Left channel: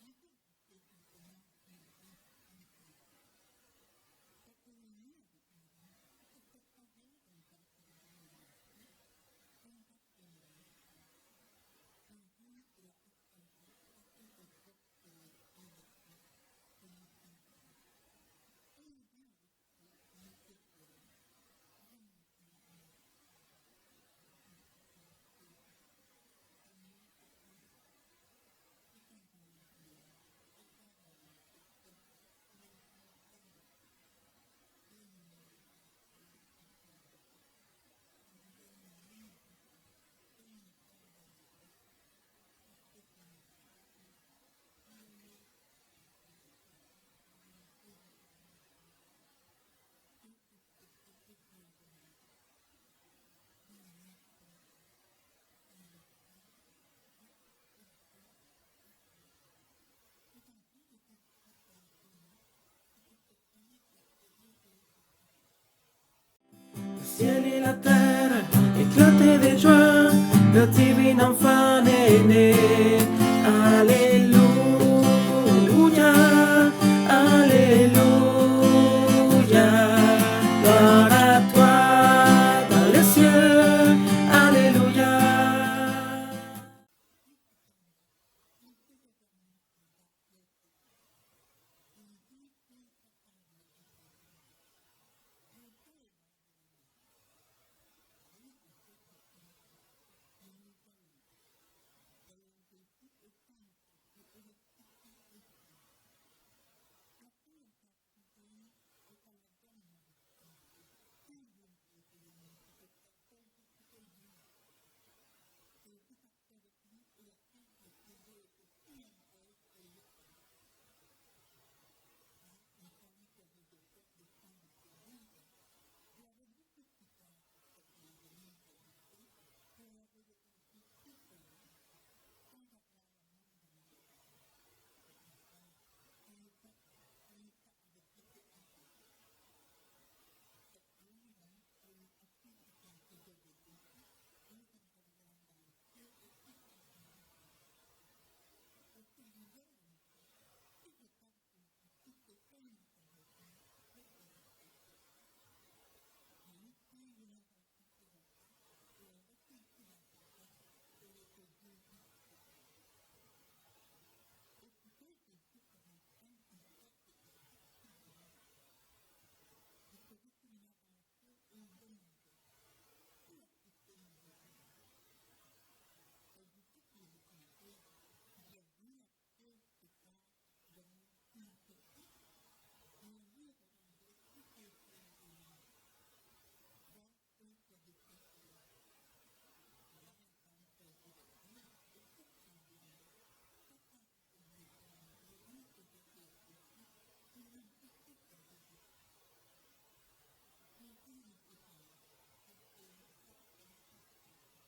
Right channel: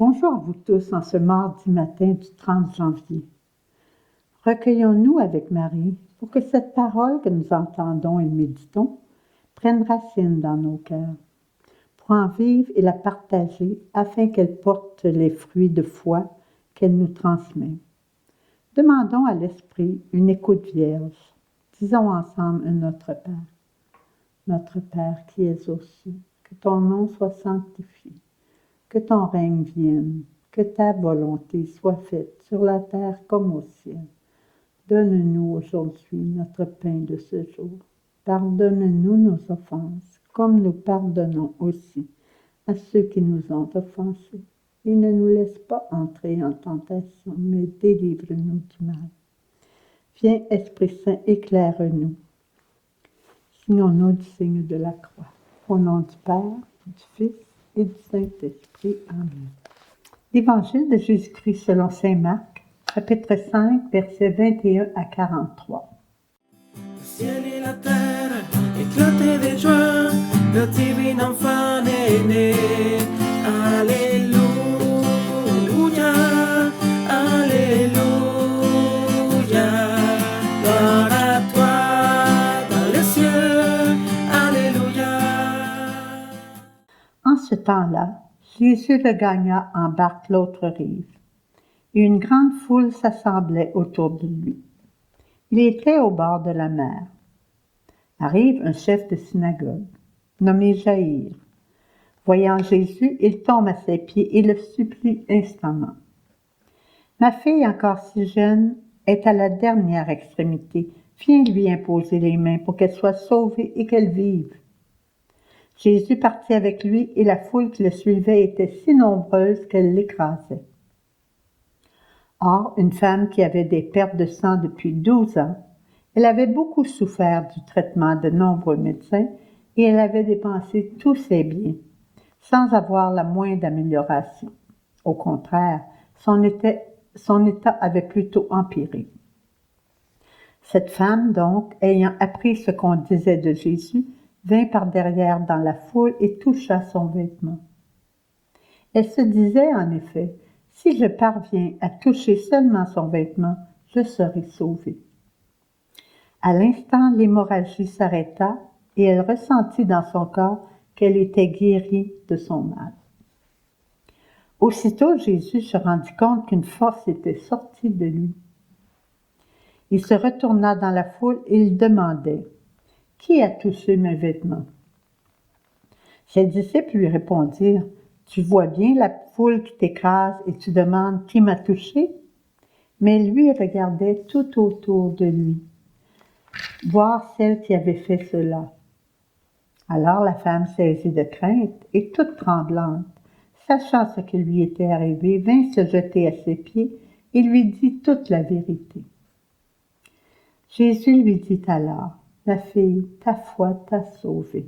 Bonjour à vous tous en ce mardi matin du 30 janvier. Recueillons-nous avec Marie pour que cette parole que nous entendons et méditons prenne racine dans nos cœurs, pour en vivre et la partager afin qu'elle porte les fruits de foi qu'elle nous transmet. Demandons à l'Esprit une écoute vierge. Disons ensemble un Notre Père. Notre Père qui es aux cieux, que ton nom soit sanctifié. Que ton règne vienne, que ta volonté soit faite sur la terre comme au ciel. Donne-nous aujourd'hui notre pain de ce jour. Pardonne-nous nos offenses, comme nous pardonnons aussi à ceux qui nous ont offensés. Et ne nous laisse pas entrer en tentation, mais délivre-nous du mal. Viens, Esprit Saint, éclaire-nous. Signons-nous du signe de la croix. Au nom du Père, du Fils et du Saint-Esprit. Amen. L'Évangile de Jésus-Christ selon saint Marc, chapitre 5, versets 21 à 43. Le ciel et la terre éclataient de joie, le divin enfant est né. Alléluia, Alléluia, gloire à toi dans les cieux, Alléluia. En ce temps-là, Jésus regagna en barque l'autre rive, et une grande foule s'assemblait autour de lui. Il était au bord de la mer. Arrive un chef de synagogue, nommé Jaïr. Voyant Jésus, il tombe à ses pieds et le supplie instamment. « Ma fille, encore si jeune, est à la dernière extrémité. Viens lui imposer les mains pour qu'elle soit sauvée et qu'elle vive. » Jésus partit avec lui et la foule qui le suivait était si nombreuse qu'elle l'écrasait. Or, une femme qui avait des pertes de sang depuis 12 ans, elle avait beaucoup souffert du traitement de nombreux médecins et elle avait dépensé tous ses biens, sans avoir la moindre amélioration. Au contraire, son état avait plutôt empiré. Cette femme, donc, ayant appris ce qu'on disait de Jésus, vint par derrière dans la foule et toucha son vêtement. Elle se disait en effet, « Si je parviens à toucher seulement son vêtement, je serai sauvée. » À l'instant, l'hémorragie s'arrêta et elle ressentit dans son corps qu'elle était guérie de son mal. Aussitôt, Jésus se rendit compte qu'une force était sortie de lui. Il se retourna dans la foule et il demandait, « Qui a touché mes vêtements? » Ses disciples lui répondirent, « Tu vois bien la foule qui t'écrase et tu demandes qui m'a touché? » Mais lui regardait tout autour de lui, voir celle qui avait fait cela. Alors la femme saisie de crainte et toute tremblante, sachant ce qui lui était arrivé, vint se jeter à ses pieds et lui dit toute la vérité. Jésus lui dit alors, « Ma fille, ta foi t'a sauvée.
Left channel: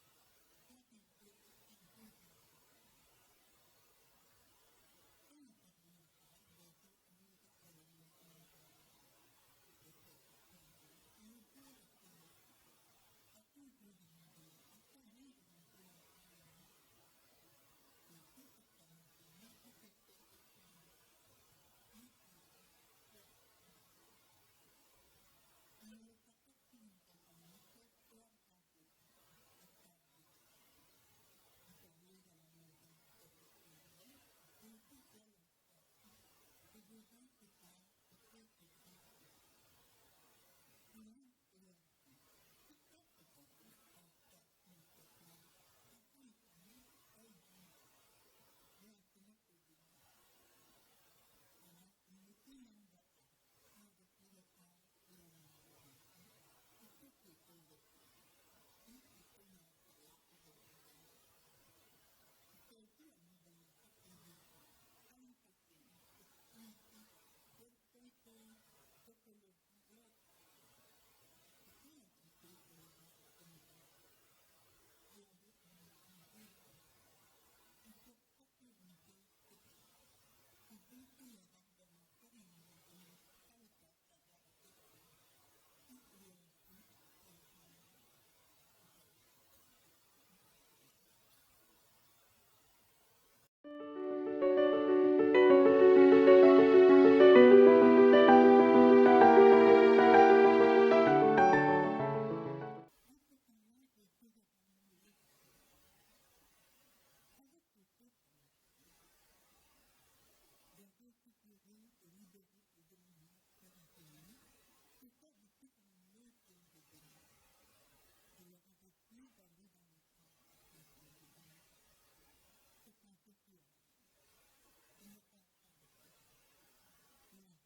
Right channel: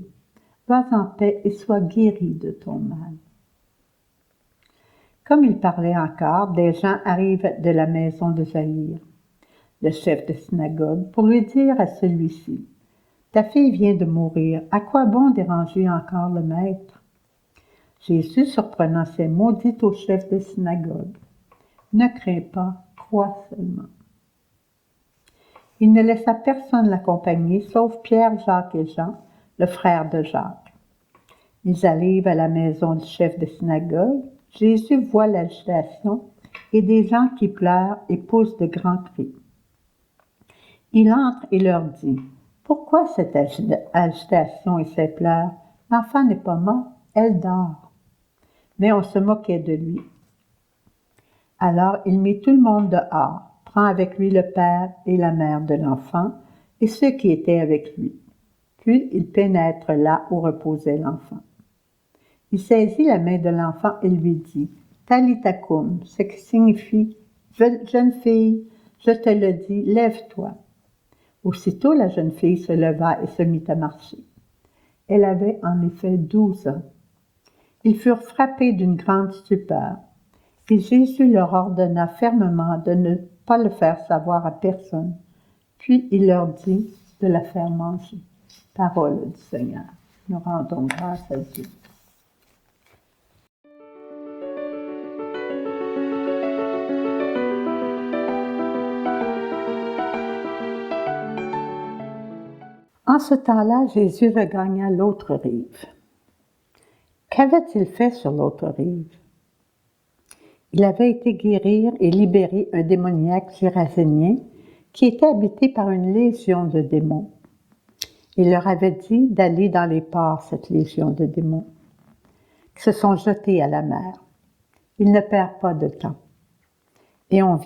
Va en paix et sois guérie de ton mal. » Comme il parlait encore, des gens arrivent de la maison de Jaïr, le chef de synagogue, pour lui dire à celui-ci, « Ta fille vient de mourir, à quoi bon déranger encore le maître? » Jésus, surprenant ces mots, dit au chef de synagogue, « Ne crains pas, crois seulement. » Il ne laissa personne l'accompagner, sauf Pierre, Jacques et Jean, le frère de Jacques. Ils arrivent à la maison du chef de synagogue. Jésus voit l'agitation et des gens qui pleurent et poussent de grands cris. Il entre et leur dit, « Pourquoi cette agitation et ces pleurs? L'enfant n'est pas mort, elle dort. » Mais on se moquait de lui. Alors il mit tout le monde dehors, prend avec lui le père et la mère de l'enfant et ceux qui étaient avec lui. Puis il pénètre là où reposait l'enfant. Il saisit la main de l'enfant et lui dit, « Talitha koum », ce qui signifie, « Jeune fille, je te le dis, lève-toi. » Aussitôt la jeune fille se leva et se mit à marcher. Elle avait en effet 12 ans. Ils furent frappés d'une grande stupeur. Et Jésus leur ordonna fermement de ne pas le faire savoir à personne. Puis il leur dit de la faire manger. Parole du Seigneur. Nous rendons grâce à Dieu. ce temps-là, Jésus regagna l'autre rive. Qu'avait-il fait sur l'autre rive? Il avait été guérir et libérer un démoniaque gérasénien qui était habité par une légion de démons. Il leur avait dit d'aller dans les ports, cette légion de démons, qui se sont jetés à la mer. Il ne perd pas de temps. Et on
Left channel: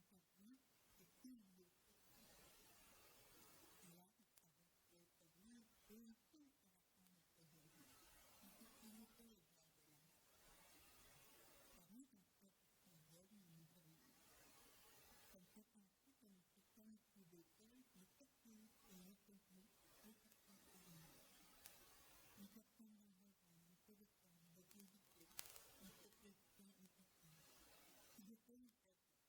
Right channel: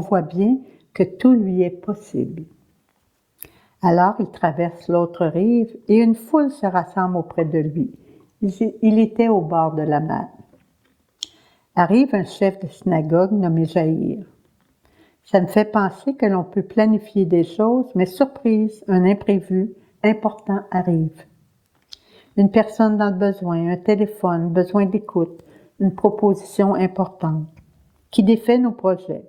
voit bien que tout lui est possible. Alors il traverse l'autre rive et une foule se rassemble auprès de lui. Il était au bord de la mer. Arrive un chef de synagogue nommé Jaïr. Ça me fait penser que l'on peut planifier des choses, mais surprise, un imprévu important arrive. Une personne dans le besoin, un téléphone, besoin d'écoute, une proposition importante qui défait nos projets.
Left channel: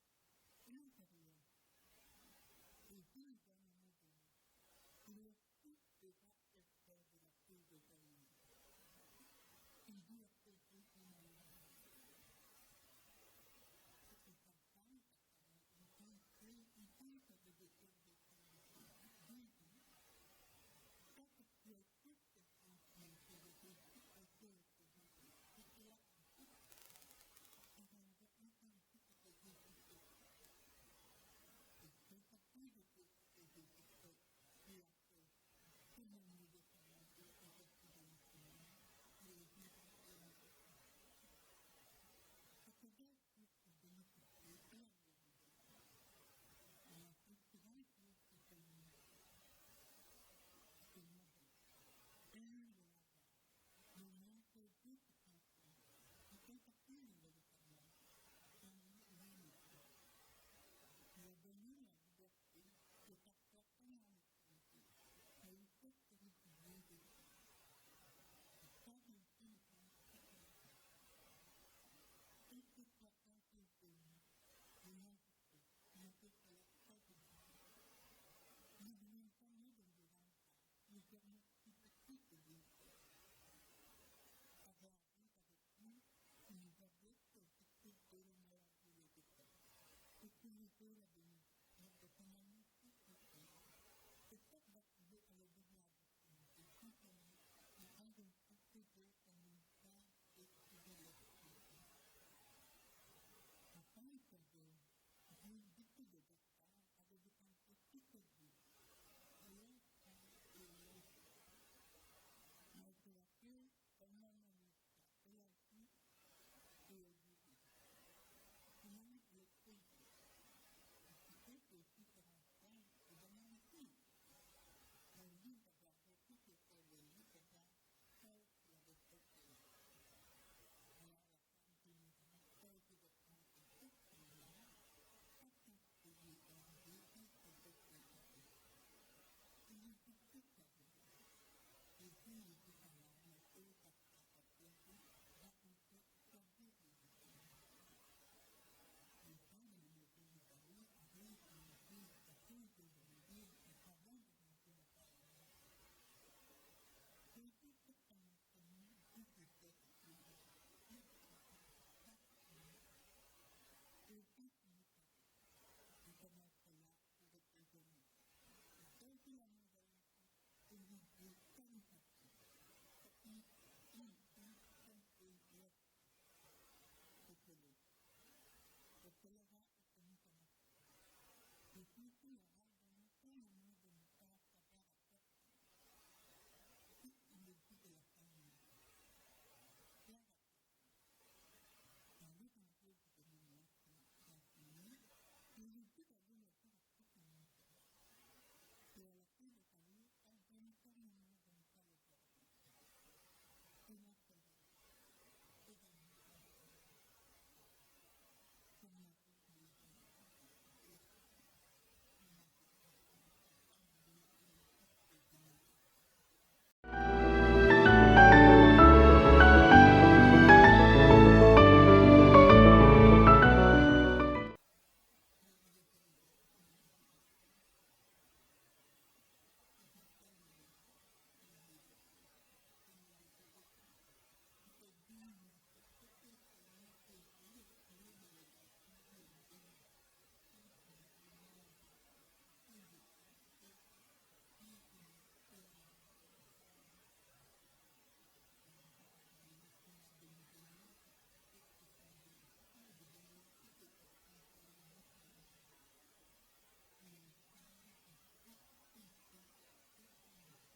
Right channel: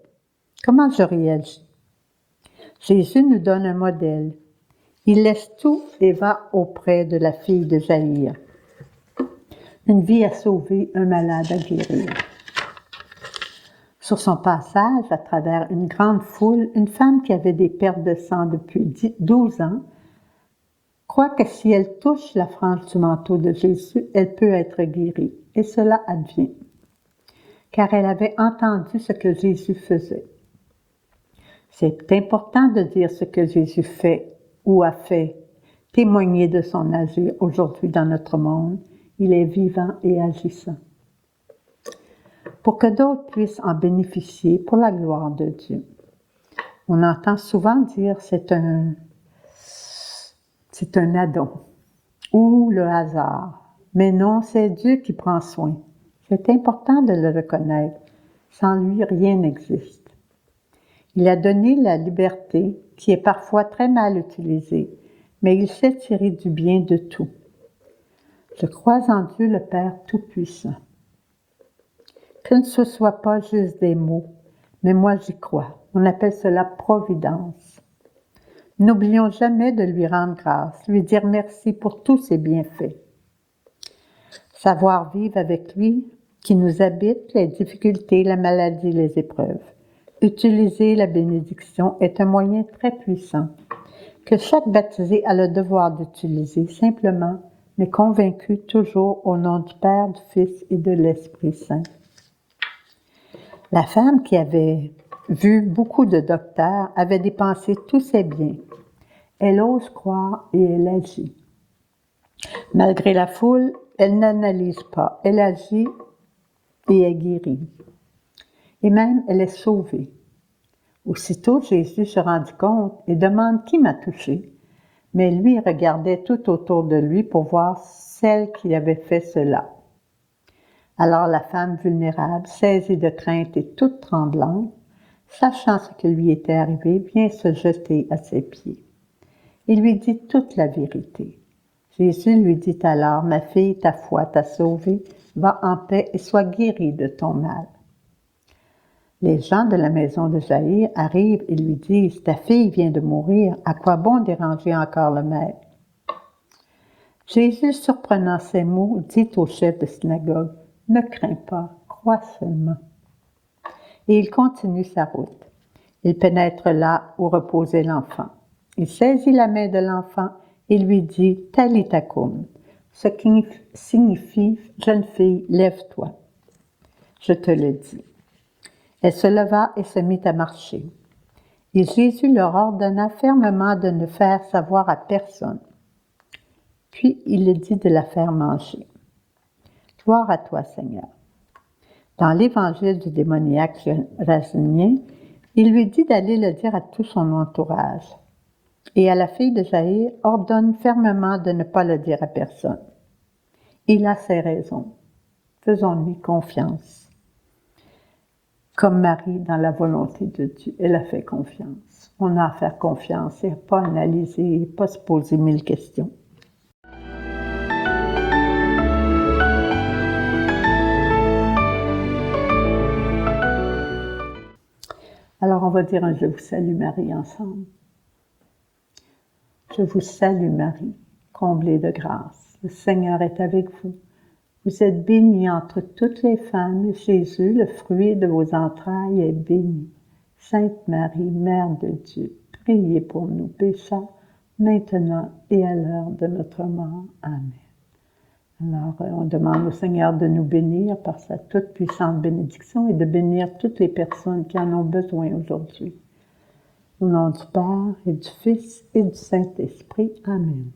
Comment je réagis? Jésus nous donne un modèle. Il laisse tout et va auprès de la fille de Jaïr. Une vie à sauver, un malade à guérir. Sur son passage, à travers une grande foule, une femme qui avait des pertes de sang depuis 12 ans croit que si elle touche la frange du manteau de Jésus, elle peut être guérie. Et cela advient, car elle avait entendu ce que Jésus faisait. C'est important de dire ce que Jésus fait ou a fait, témoigner de son agir aujourd'hui dans notre monde. Il est vivant et agissant. Pour que d'autres puissent en bénéficier pour la gloire de Dieu. On entend souvent dire c'est un addon ou le hasard. Mais non, c'est Dieu qui prend soin. C'est important de le reconnaître. Sans lui, rien n'existe. Il a donné la liberté qui est parfois très mal utilisée, mais il sait tirer du bien de tout. Je crois en Dieu le Père Tout-Puissant. Que ce ne soit pas juste des mots, mais moi j'y crois. On appelle cela providence. N'oublions jamais de lui rendre grâce, lui dire merci pour tous ses bienfaits. Savoir vivre avec lui, qui nous habite, les difficultés, la maladie, les épreuves. Utiliser la bénédiction est un moyen très puissant, que chaque baptisé a le devoir d'utiliser simplement, mais convaincu toujours au nom du Père, du Fils et de l'Esprit Saint. La femme qui avait vu beaucoup de docteurs avait dépensé tous ses biens. Elle ose croire et elle agit. Malgré la foule, elle n'analyse pas, elle agit et est guérie. Et même, elle est sauvée. Aussitôt, Jésus se rendit compte et demande qui m'a touché. Mais lui regardait tout autour de lui pour voir celle qui avait fait cela. Alors la femme vulnérable, saisie de crainte et toute tremblante, sachant ce qui lui était arrivé, vient se jeter à ses pieds. Il lui dit toute la vérité. Jésus lui dit alors, « Ma fille, ta foi t'a sauvée, va en paix et sois guérie de ton mal. » Les gens de la maison de Jaïr arrivent et lui disent, « Ta fille vient de mourir, à quoi bon déranger encore le maître? » Jésus, surprenant ces mots, dit au chef de synagogue, « Ne crains pas, crois seulement. » Et il continue sa route. Il pénètre là où reposait l'enfant. Il saisit la main de l'enfant et lui dit « Talitha koum », ce qui signifie « Jeune fille, lève-toi ». Je te le dis. Elle se leva et se mit à marcher. Et Jésus leur ordonna fermement de ne faire savoir à personne. Puis il le dit de la faire manger. Gloire à toi, Seigneur. Dans l'évangile du démoniaque gérasénien, il lui dit d'aller le dire à tout son entourage. Et à la fille de Jaïr, ordonne fermement de ne pas le dire à personne. Il a ses raisons. Faisons-lui confiance. Comme Marie, dans la volonté de Dieu, elle a fait confiance. On a à faire confiance et pas analyser, pas se poser 1000 questions. Alors, on va dire un « Je vous salue Marie » ensemble. Je vous salue Marie, comblée de grâce. Le Seigneur est avec vous. Vous êtes bénie entre toutes les femmes, et Jésus, le fruit de vos entrailles, est béni. Sainte Marie, Mère de Dieu, priez pour nous pécheurs, maintenant et à l'heure de notre mort. Amen. Alors, on demande au Seigneur de nous bénir par sa toute puissante bénédiction et de bénir toutes les personnes qui en ont besoin aujourd'hui. Au nom du Père et du Fils et du Saint-Esprit. Amen.